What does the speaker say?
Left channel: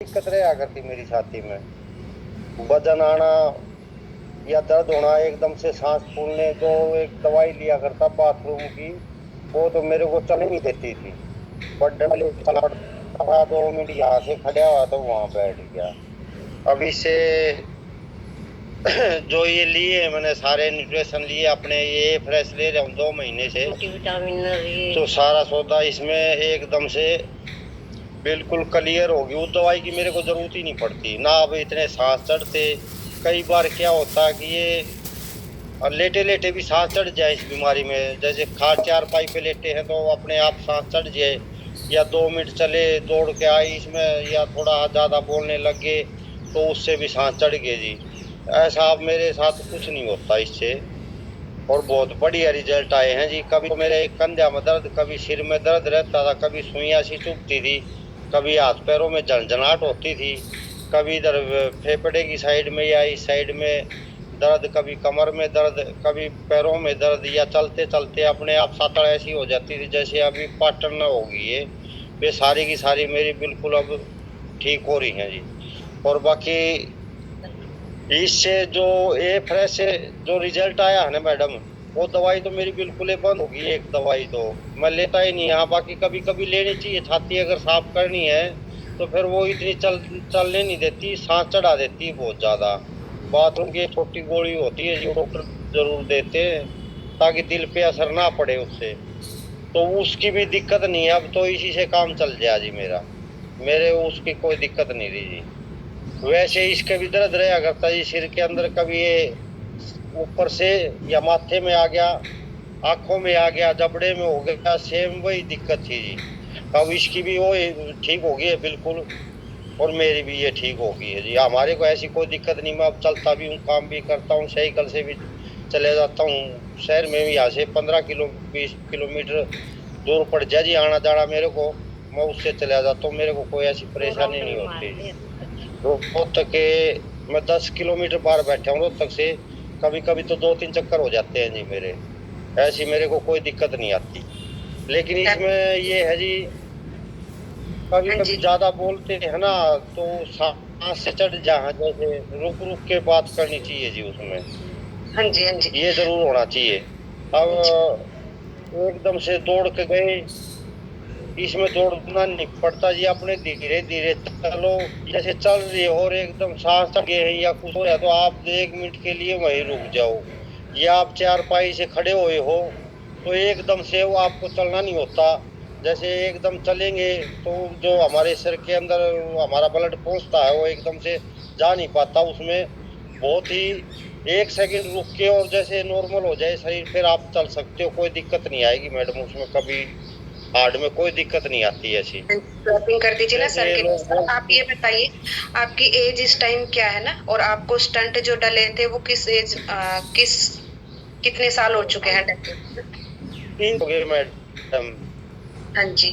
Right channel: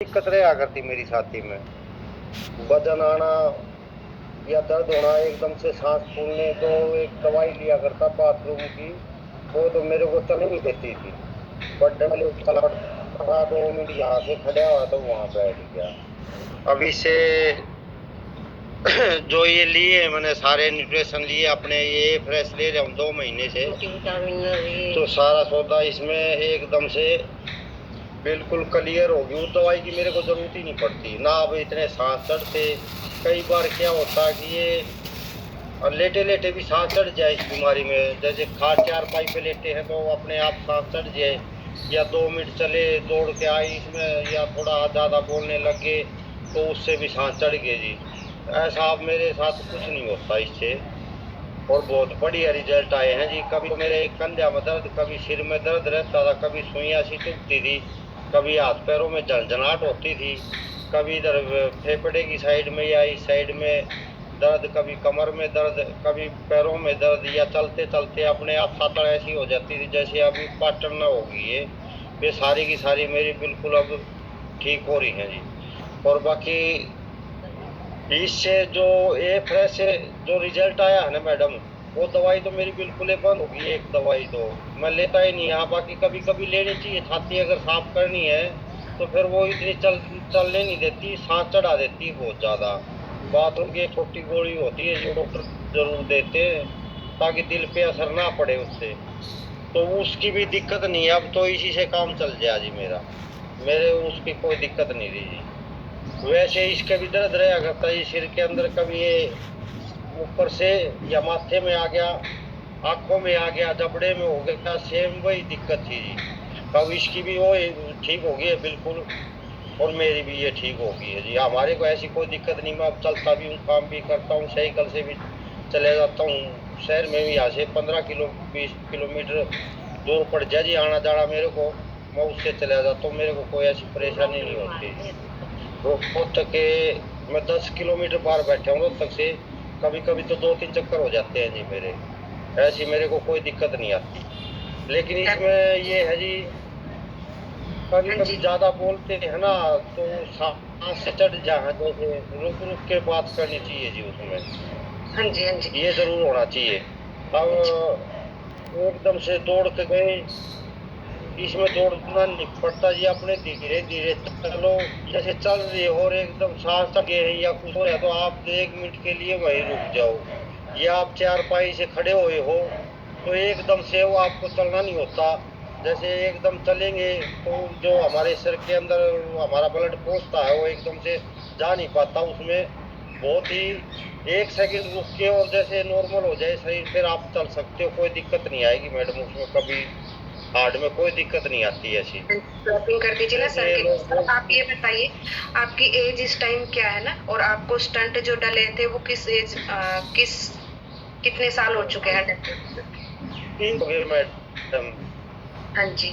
दिक्कत रहा करती मेरी छाती में, वजन आना या दर्द होना, एकदम से सांस फूलने। जो एक दवाई लिया करता बाथरूम की, वो तो मेरे को चलने नहीं देती थी। बट चला 2 मिनट यहाँ से खड़ा हुआ तो वहां बैठ गया। अभी से जो ये लिए मैंने सारे न्यूट्रिशन लिए अपने, ये फ्रेश ले रहा हूँ 2 महीने से। विटामिन तो सारा सौदा इसमें एकदम से बिल्कुल क्लियर होगी। उस दवाई की मेरे को जरूरत ही नहीं पड़ती ना। अब इतने सांस चढ़ते, कई बार क्या होता है कि ये लेटे लेटे भी सांस चढ़ जाए इस बीमारी में। जैसे खाट चारपाई पे लेटे हैं तो अपने आप सांस चढ़ जाए, या 2 मिनट चले दौड़ के आए इसमें, या थोड़ा ज्यादा बोलने लग गए तो उससे भी सांस चढ़ गए जी। ऐसा अब मेरे साथ कुछ नहीं होता इससे, और बहुत बढ़िया रिजल्ट आए हैं जी। कभी तो मेरे कंधे में दर्द, कभी सिर में दर्द रहता था, कभी सुइयां सी चुभती थी, कभी हाथ पैरों में झनझनाहट होती थी, कभी इधर फेफड़े की साइड में या इस साइड में दर्द, कभी कमर में दर्द, कभी पैरों में दर्द, या चलते चलते अपने आप सातड़ ऐसी हो जाती थी जैसे अभी पाटन न होगी ये। वे सारी की सारी मेरी बिल्कुल अब ठीक हो रही हैं जी। और बाकी इससे जो ये फ्रेश जो रिजल्ट आया है ना मैडम, वो दवाई तो मेरी बिल्कुल ही बंद होगी। एक दवाई तो मैं लेता ही नहीं। हाँ, बाकी कभी कभी लेनी चाहिए। छाती अगर साफ करनी है तो फिर वो इतनी चलने नहीं देती, सांस चढ़ा देती है बहुत ज्यादा। बाथरूम की छोटी गोली होती है जो डॉक्टर जरूर देते हैं ताकि दिल पे असर ना पड़े उससे, तो उसकी भी दिक्कत नहीं है। अब तो इसी से काम चल जाए जी मेरा, मेरे उसकी कोई दिक्कत नहीं रही जी। वैसे इसके भी दर्द रहा करता है सिर के अंदर, कभी ये ऊपर से या माथे में आ गया, आंखों में आ गया, जबड़े में हो गया, सेम वही दिक्कत थी जी। अब इसकी भी वो ठीक हो गई है बिल्कुल, और मेरी भी ये ठीक हो गई है जी। हमारे को ऐसी कोई दिक्कत नहीं। मैं अब चलता भी हूँ, काम भी करता हूँ, साइकिल से भी चले जाता हूँ। शहर में भी यहाँ से 15 20 किलोमीटर दूर पड़ जाए जी आना जाना मेरे को, मैं उससे चला जाता हूँ। मेरे को कोई ऐसी परेशानी नहीं होती। रोहतक के मैं 10 किलोमीटर बाहर बैठा हूँ रोहतक से, कभी कभी तो 2 3 चक्कर हो जाते हैं जी मेरे। ऐसी मेरे को कोई दिक्कत नहीं आती। लेकिन इसमें ये है जी, कभी कभी ज्यादा बोलते हैं ना तो सांस से चढ़ जाए, जैसे रुक रुक के बात करनी चाहिए जी उसमें। हाँ जी, हाँ जी, ये जरूर होना चाहिए। अब एकदम से दौड़ के गए, इसमें दौड़ना नहीं पड़ता जी। अपने धीरे धीरे चलो, जैसे चल रही हो और एकदम सांस लगे है या कुछ हो रहा है तो आप 1 मिनट के लिए वहीं रुक जाओ। या आप चारपाई से खड़े हुए हो तो एकदम से वो आपको चलना नहीं होता। जैसे एकदम चलेंगे तो जो हमारे सिर के अंदर हमारा ब्लड पहुंचता है वो एकदम से जा नहीं पाता उसमें। बहुत ही 1 सेकंड रुक के और जैसे नॉर्मल हो जाए शरीर, फिर आप चल सकते हो। कोई दिक्कत नहीं आएगी मैडम उसमें, कभी हार्ट में कोई दिक्कत नहीं आती ऐसी। शॉपिंग कर दीजिए ना सर के। सर आप ये बताइए, आपकी एज इस टाइम क्या है ना, और आपको स्टंट जो डले थे वो कितने साल हो चुके हैं? 3 हो गए मैडम। हाँ जी।